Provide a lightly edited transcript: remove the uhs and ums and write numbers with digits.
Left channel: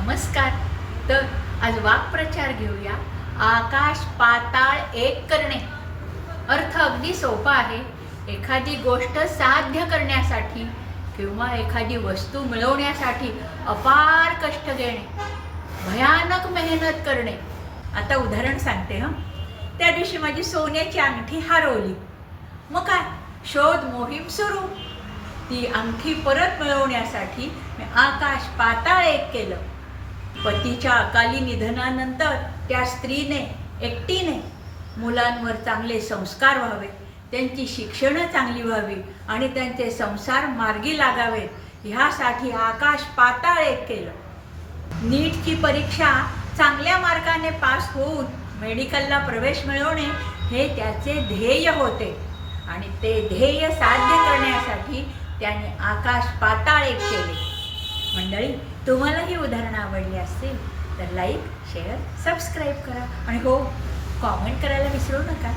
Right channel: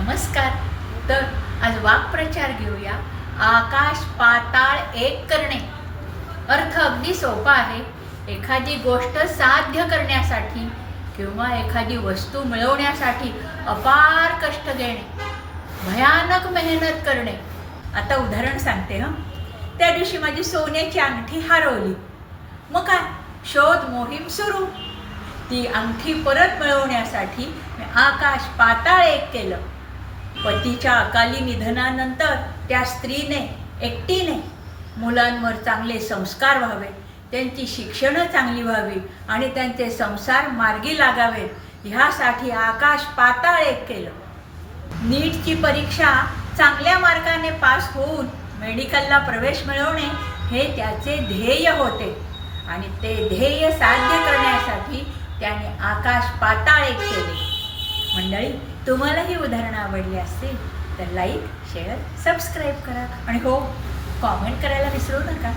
नमस्कार. तर आज वाक्प्रचार घेऊया. आकाश पाताळ एक करणे. अर्थ अगदी सोपा आहे. एखादी गोष्ट साध्य करण्यासाठी किंवा एखादी वस्तू मिळवण्यासाठी अपार कष्ट घेणे, भयानक मेहनत करणे. आता उदाहरण सांगते हं. त्या दिवशी माझी सोन्याची अंगठी हरवली. मग काय, शोध मोहीम सुरू. ती अंगठी परत मिळवण्यासाठी मी आकाश पाताळ एक केलं. पतीच्या अकाली निधनानंतर त्या स्त्रीने एकटीने मुलांवर चांगले संस्कार व्हावे, त्यांची शिक्षणं चांगली व्हावी आणि त्यांचे संसार मार्गी लागावेत, ह्यासाठी आकाश पाताळ एक केलं. नीटची परीक्षा चांगल्या मार्काने पास होऊन मेडिकलला प्रवेश मिळवणे हे त्याचे ध्येय होते आणि ते ध्येय साध्य करण्यासाठी त्याने आकाश पाताळ एक केले. मंडळी, तुम्हाला ही उदाहरणं आवडली असतील तर लाईक, शेअर, सबस्क्राईब करा आणि हो, कॉमेंट करायला विसरू नका.